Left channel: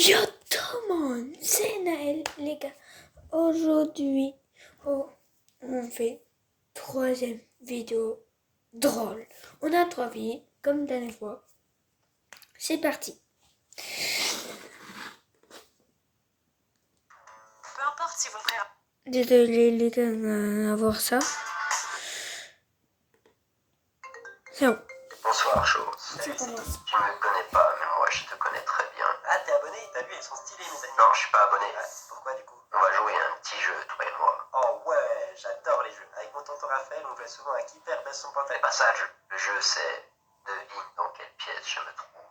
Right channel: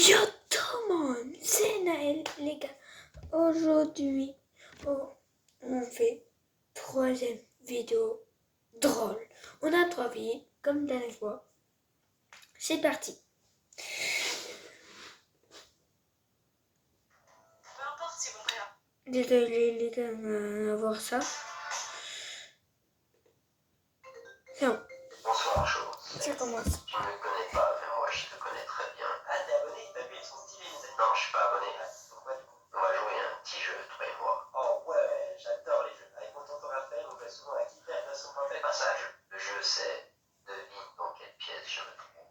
Yo tout le monde, c'est Naël les gars. Aujourd'hui, on fait troisième vidéo drôle. On a 3 vies, comme la dernière fois. C'est parti. Peu importe si vous ferez. Désolé les gars d'avoir ça. C'est bon. Bonsoir, Cho. Ça commence. Tu ne me connais pas, mais moi je te connais très bien. Ah, t'es abonné? T'as vu, elles sont stylées, mes amis. Non, je suis pas abonné. Pourquoi du coup? On va jouer à un petit jeu, toi et moi. Oh ouais, j'adore les jeux. Avec mon tonton Raphaël, on jouait souvent à qui perd baisse son C'est pantalon. pas ça le jeu. Le jeu, c'est devine dans quelle pièce je me trouve.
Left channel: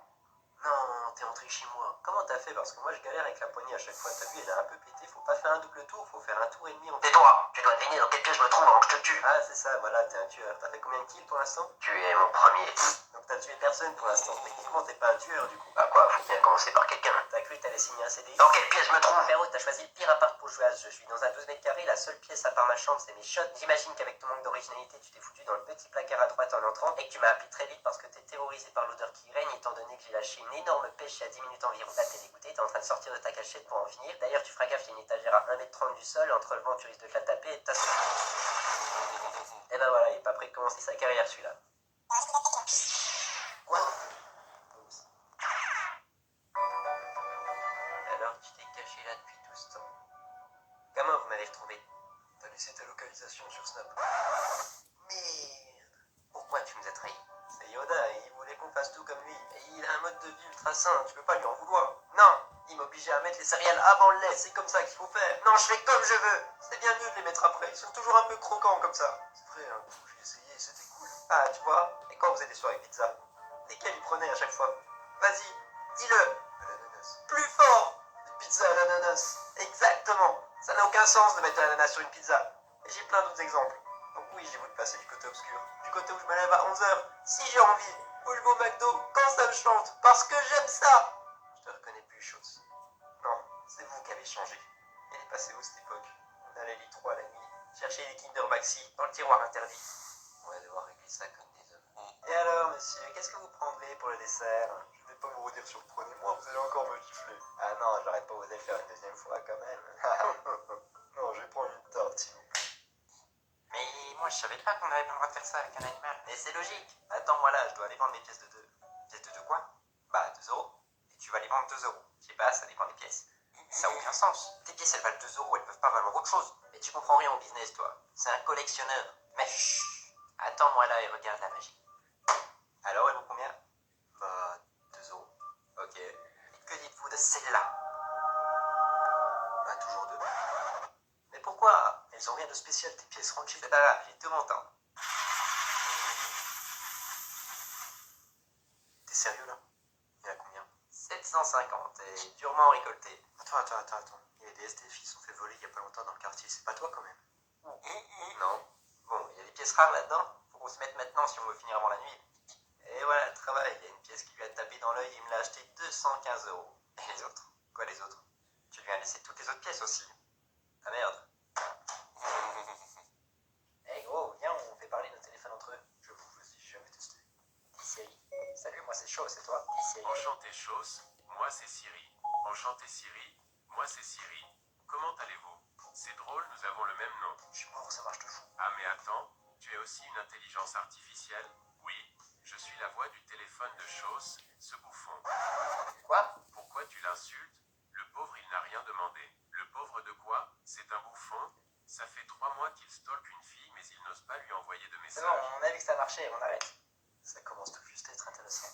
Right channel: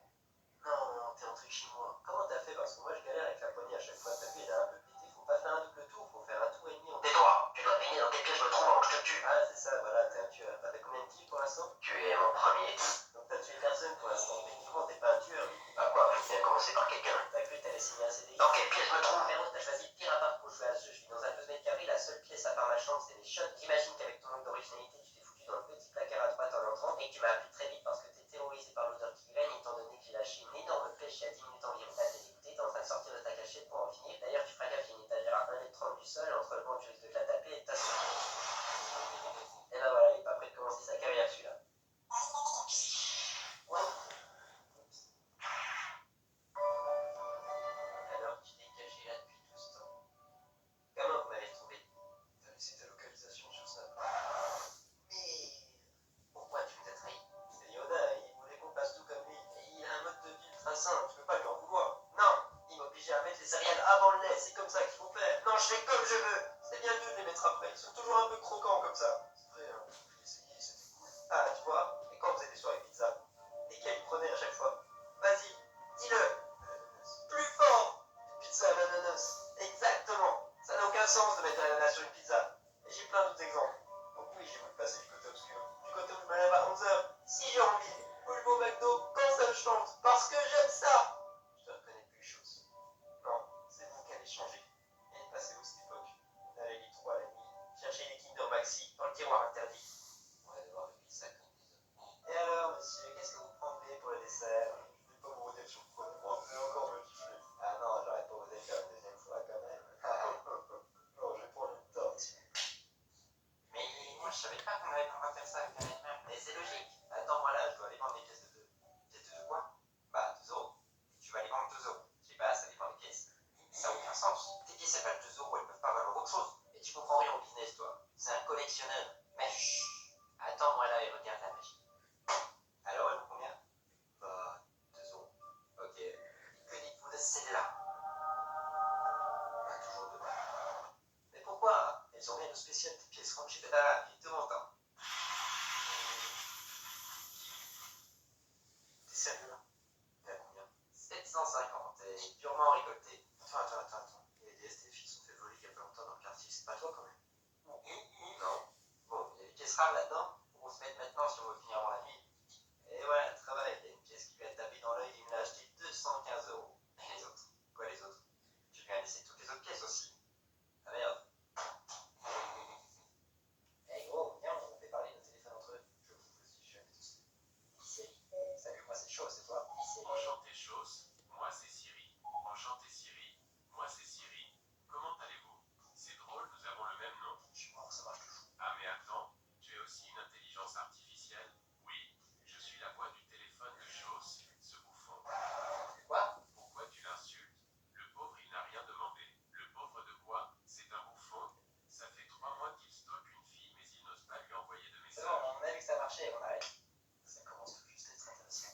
Non, t'es entré chez moi. Comment t'as fait? Parce que moi je galère avec la poignée à chaque fois. T'as vu, elle est un peu pétée. Faut pas faire un double tour, faut faire un tour et demi. Tais-toi, tu dois deviner dans quelle pièce je me trouve avant que je te tue. Ah, c'est ça, voilà, t'es un tueur. T'as fait combien de kills pour l'instant? Tu es mon premier. Donc t'as tué personne pour l'instant. Techniquement, t'es pas un tueur du coup. Bah quoi, faut bien commencer par quelqu'un. T'as cru que t'allais signer un CDI? Dans quelle pièce je me trouve? Frérot, t'as choisi le pire appart pour jouer à ce jeu. Je suis dans un 12 mètres carrés, la seule pièce à part ma chambre, c'est mes shots. J'imagine qu'avec ton manque d'originalité, tu t'es foutu dans le petit placard à droite en entrant et que tu m'as appelé très vite parce que t'es terrorisé par l'odeur qui règne, étant donné que j'ai lâché une énorme pêche à 10 minutes environ. Là, t'es dégoûté, t'es en train de sortir de ta cachette pour en finir. D'ailleurs, tu feras gaffe, il y a une étagère à 1m30 du sol. Entre le vent, tu risques de te la taper et de t'asseoir. Et ben voilà, il est pas prêt de commencer sa carrière celui-là. Quoi? Alors, tu t'es caché là depuis tout ce temps. Comment vous m'avez retrouvé? T'as laissé ta localisation sur Snap. Merde. Pourquoi tu nous as trahis? C'est Yoda, il voulait qu'on fasse tout comme lui. Et il a un mode de vie ultra sain, tu peux pas lui en vouloir. Non, il m'obligeait à mettre les céréales avant le lait, c'est comme ça qu'il faut faire. Non, je fais comme je veux. C'est bien mieux de les mettre après, ils sont toujours un peu croquants comme ça. C'est vrai, hein, j'ai essayé, c'était cool. Ah, tu vois, et quand vous avez des soirées pizza, lesquelles il prenait à chaque fois? Vas-y, dis-le. À l'ananas. Plus fort. Une pizza à l'ananas. Exactement. Ça n'a aucun sens de mettre un ananas sur une pizza. Et j'ai plein d'autres exemples. Donc oui, j'ai voulu passer du côté obscur. Du côté où je me lève à 11h, si j'ai envie. Où je vais au McDo, quand ça me chante. Parce que j'aime ça. Je te reconnais plus, chose. Non, c'est vous qui avez changé. Elle est passée où cette époque? On allait lit 3 la nuit. Chercher les Kinder Maxi dans le tiroir interdit. On va devoir régler ça comme des hommes. Et alors, monsieur, qu'est-ce que vous prendrez pour le dessert? Je vais pas vous redire sur prenez-moi, vous allez encore me gifler. Ah non, j'arrête pas vous allez faire une deuxième fois quand même. Non, je vais prendre une tarte, s'il vous plaît. Mais moi, je savais pas qu'on avait pas le droit de faire ça avec un animal. Mais c'est logique. Attends, moi là, je dois aller vendre mes pièces de 2. Pièces de 2 quoi? Bah, 2 euros. Et tu vas les vendre 2 euros. Je sais pas, ça dépend des pièces. Ça n'a aucun sens. Tes pièces, elles valent 2 euros, elles peuvent pas valoir autre chose. Mais tu comprends rien au business, toi. C'est un collectionneur. Mais chut. Attends-moi là et regarde la magie. Alors, elle vaut combien? Bah, 2 euros. Ok. Et que dites-vous de celle-là? Bah, toujours 2. Mais pourquoi? Elles ont rien de spécial, tes pièces rangées. C'est pas grave, j'ai tout mon temps. T'es sérieux là? Il y a combien? 750 et durement récolté. Attends. Il y a des STF qui se sont fait voler il y a pas longtemps dans le quartier, c'est pas toi quand même? Non. Bon, il y a des pièces rares là-dedans. Faut qu'on se mette maintenant si on veut finir avant la nuit. Et voilà, le travail. Il y a une pièce qui lui a tapé dans l'œil et il me l'a acheté 215 euros. Et les autres? Quoi les autres? Tu lui as laissé toutes les autres pièces aussi. Ah merde. Eh gros, viens, on fait parler nos téléphones entre eux. J'avoue, vas-y, j'ai jamais testé. Dis Siri. Salut, moi c'est chaud, c'est toi. Dis Siri. Enchanté Chos, moi c'est Siri. Enchanté Siri, moi c'est Siri. Comment allez-vous? C'est drôle, nous avons le même nom. Je suis mort, ça marche de fou. Ah mais attends, tu es aussi une intelligence artificielle? Oui, je suis la voix du téléphone de Chos, ce bouffon. Quoi? Pourquoi tu l'insultes? Le pauvre il n'a rien demandé. Le pauvre de quoi? C'est un bouffon? Ça fait 3 mois qu'il stalke une fille mais il n'ose pas lui envoyer de C'est bon, message. on a vu que ça marchait, on arrête. Ça commence tout juste à être intéressant.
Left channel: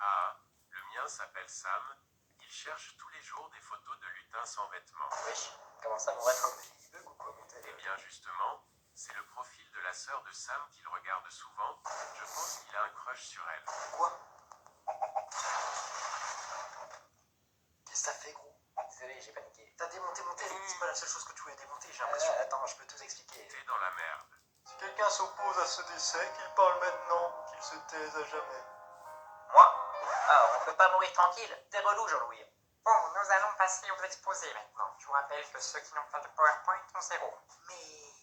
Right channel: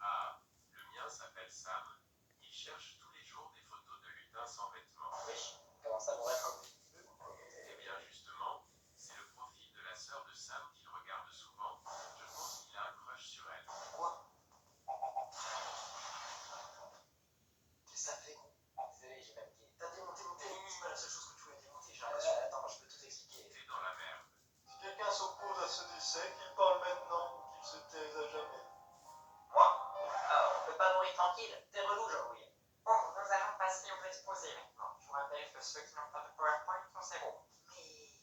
Ah, le mien s'appelle Sam. Il cherche tous les jours des photos de lutins sans vêtements. Wesh, comment ça pourrait être un bug ou quoi mon Eh téléphone? bien justement, c'est le profil de la sœur de Sam qu'il regarde souvent. Je pense qu'il a un crush sur elle. Quoi? Qu'est-ce que ça fait, gros? Désolé, j'ai paniqué. T'as démonté mon téléphone? C'est pas la seule chose que tu voulais démonter, j'ai l'impression. Attends, je peux tout expliquer. T'es dans la merde. Si quelqu'un s'oppose à ce décès, qu'il parle maintenant, qu'il se taise à jamais. Moi? Ah, on peut pas mourir tranquille. T'es relou, Jean-Louis. Bon, nous allons passer aux exposés maintenant. Je vous rappelle que ceux qui n'ont pas de PowerPoint ont 0. Merde.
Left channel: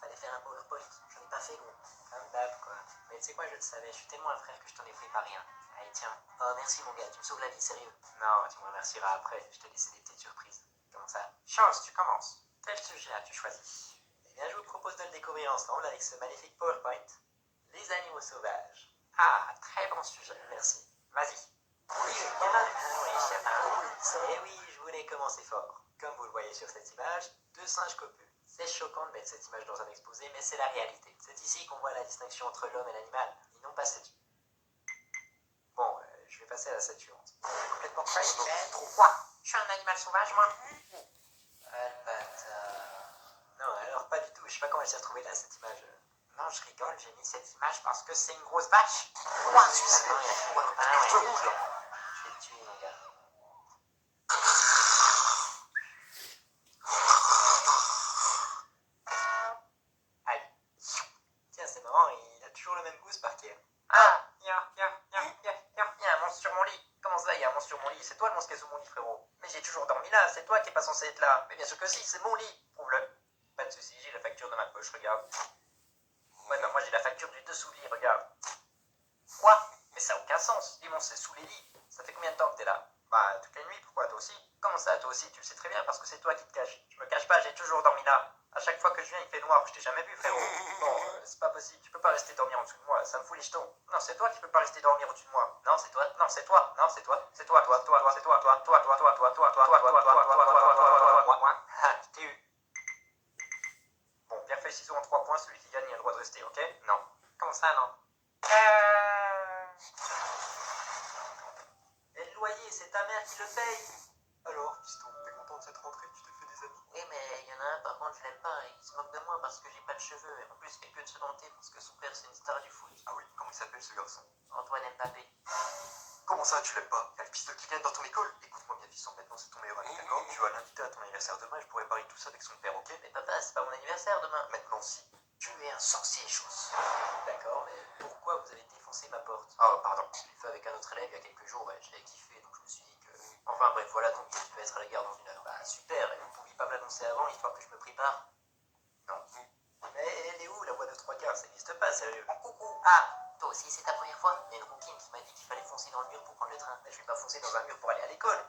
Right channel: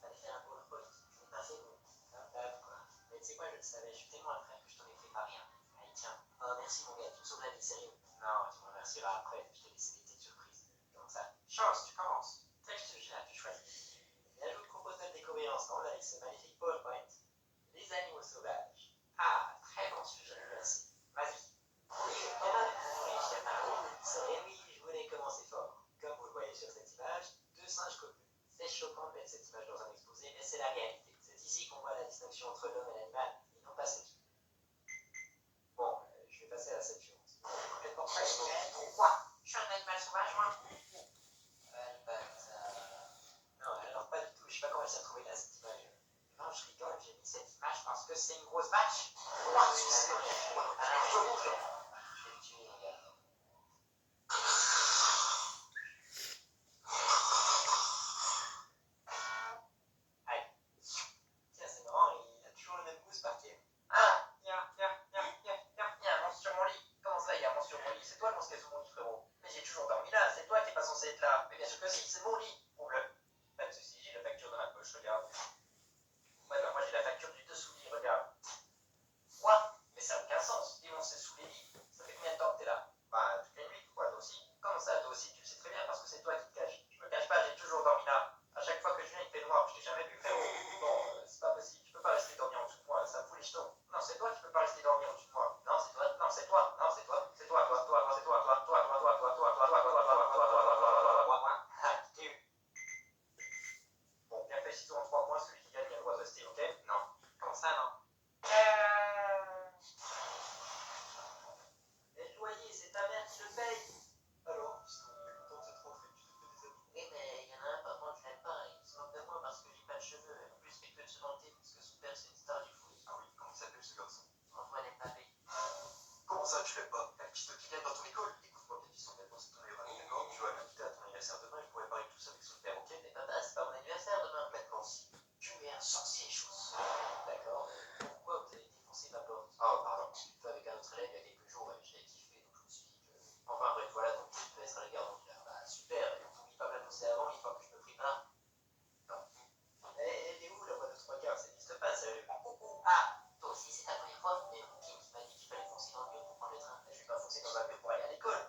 Fallait faire un PowerPoint. J'en ai pas fait, gros. Comme d'hab, quoi. Mais tu sais quoi, je le savais. Je suis tellement un frère que je t'en ai préparé un. Allez, tiens. Oh, merci mon gars, tu me sauves la vie, sérieux. Non, tu me remercieras après, je t'ai laissé des petites surprises. Comment ça? Chose, tu commences. Quel sujet as-tu choisi? Eh bien, je vous propose de le découvrir ensemble avec ce magnifique PowerPoint. Les animaux sauvages. Ah, très bon sujet. Merci. Vas-y. Oui, et oui, je voulais commencer fort. Comme vous le voyez sur cette image, deux singes copulent. C'est choquant de mettre cette image dans un exposé, mais c'est la réalité. C'est ici qu'on voit la distinction entre l'homme et l'animal, et non pas cette... Bon, je vais passer à la scène suivante. Complètement crazy, man. Pourquoi? Je suis un animal sauvage, moi. Ah, le bâtard. Non, alors pas du tout. Je sais pas comment elle s'est retrouvée là, cette image. Non, je rigole, j'ai mis cette image parce que c'est une grosse vache. Attends, je vais te tuer, les gars. Aïe. Tiens, c'est marrant, il a toujours le même goût, ce parquet. Ah, il y a un monstre sur mon lit. Comment ça, il y a un monstre sur mon lit? C'est toi le monstre qui est sous mon lit, frérot. Mais j'ai toujours dormi là, c'est toi qui est pas censé être là. Mais bien sûr que si, c'est mon lit. Prouve-le. Pas de soucis, j'ai la facture de ma poche, regarde. Ouais, non, moi j'ai la facture du dessous lit, regarde. Quoi? Mais ça n'a aucun sens. Les monstres, c'est sous les lits. Ça fait combien de temps que t'es là? Bah, toutes les nuits, pourquoi? Toi aussi? Comment ça, toi aussi? Tu le sais très bien parce que c'est toi qui te caches. Je me cache pas, j'ai toujours dormi là. À chaque fois que je viens, il fait noir. Je t'ai jamais vu, frérot. Bon, c'est pas possible. Tu peux pas rester dormir en dessous de moi. Ça me fout les jetons. Non, c'est toi qui peux pas rester dormir au-dessus de moi. Non, c'est toi. Non, c'est toi. Non, c'est toi. C'est toi, toi, toi, toi, c'est toi, toi, toi, toi, toi, toi, toi, toi, toi, toi, toi, toi, toi, toi, toi, toi, moi. Ah, je t'ai eu. Bon, pierre feuille ciseaux en 3 points. Celui qui gagne, il a le droit de rester, ok? Non. Comment ça, non? Et le loyer, c'est ta mère qui le paye. Alors, piston, t'es content de cette rentrée? Tu t'es fait des amis? Oui, mais il y en a un, par contre, je l'aime pas. Il se moque de moi parce que j'ai pas de cheveux. Et en plus, il fait que de se vanter parce que son père, c'est une star du foot. Ah oui, comment il s'appelle ce garçon? Antoine Mbappé. Comment ça, tu l'aimes pas? Il y a le piston qui vient dans ton école? Écoute-moi bien, fiston, maintenant c'est ton meilleur ami, d'accord? Tu vas l'inviter à ton anniversaire demain, je pourrais parler de tout ça avec son père, ok? Mais papa, c'est pas mon anniversaire demain. Maintenant, si. Tu es un sorcier, chose. D'accord, mais pourquoi vous avez défoncé ma porte? Oh, pardon. Je l'ai fait avec un autre élève il y a quelques jours, ouais, j'avais kiffé, donc je me suis dit que... Enfin bref, voilà, donc je devais être à la gare dans une heure. Bah super, et vous pouviez pas me l'annoncer avant, histoire que je me prépare? Non. Mais elle est où la voie de 3/4? Ça n'existe pas, sérieux. Coucou. Ah, toi aussi c'est ta première fois? Il y a une rouquine qui m'a dit qu'il fallait foncer dans le mur pour prendre le train. Mais je vais pas foncer dans un mur pour aller à l'école.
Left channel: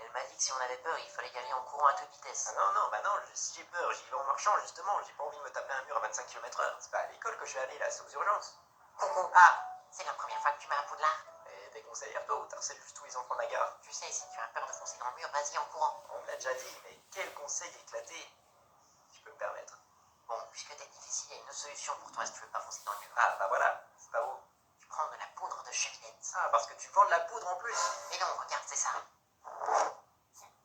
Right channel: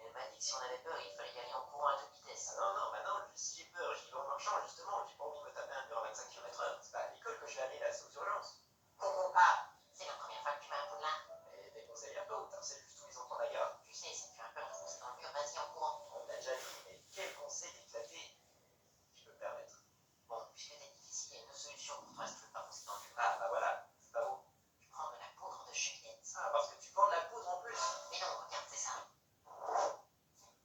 Elle m'a dit que si on avait peur, il fallait y aller en courant à toute vitesse. Ah non, non, bah non, si j'ai peur, j'y vais en marchant, justement. J'ai pas envie de me taper un mur à 25 km/h. C'est pas à l'école que je vais aller, là, c'est aux urgences. Coucou. Ah, c'est la première fois que tu m'as à Poudlard? Et tes conseils à toi ou t'harcèles juste tous les enfants de la gare? Tu sais, si tu as peur de foncer dans le mur, vas-y en courant. On me l'a déjà dit, mais quel conseil éclaté. Je peux me permettre. Bon, puisque t'es difficile, il y a une autre solution pour toi si tu veux pas foncer dans le mur. Ah, bah voilà, c'est pas où? Tu prends de la poudre de cheminette. Ah, parce que tu vends de la poudre en plus. Mais non, regarde, c'est ça.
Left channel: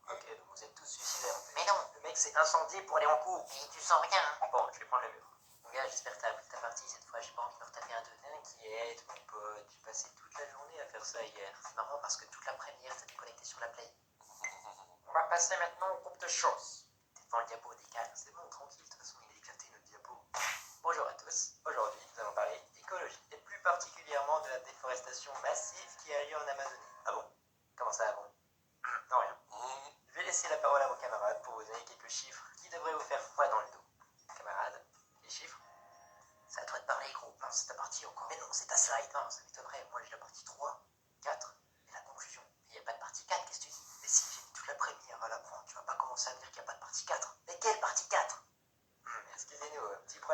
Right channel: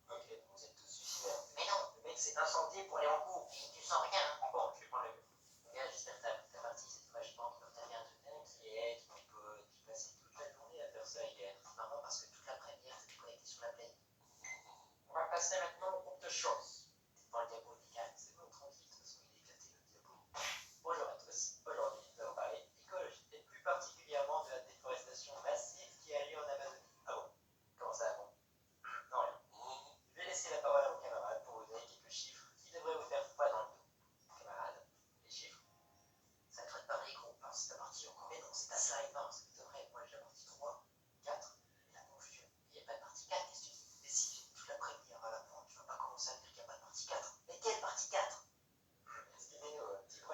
Ok, donc vous êtes tous suicidaires. Mais non. Le mec s'est incendié pour aller en cours. Et tu sens rien, hein. Bon, je vais prendre le mur. Mon gars, j'espère que t'as appris ta partie cette fois, j'ai pas envie de me retaper à deux. T'inquiète, mon pote, j'ai passé toute la journée à faire ça hier. C'est marrant parce que toute l'après-midi, t'étais connecté sur la play. On va passer maintenant au groupe de choses. T'es devant le diapo décal. C'est bon, tranquille, de toute façon, il est éclaté notre diapo. Bonjour à tous. Aujourd'hui, nous allons parler d'écologie et plus particulièrement de la déforestation massive qui a lieu en Amazonie.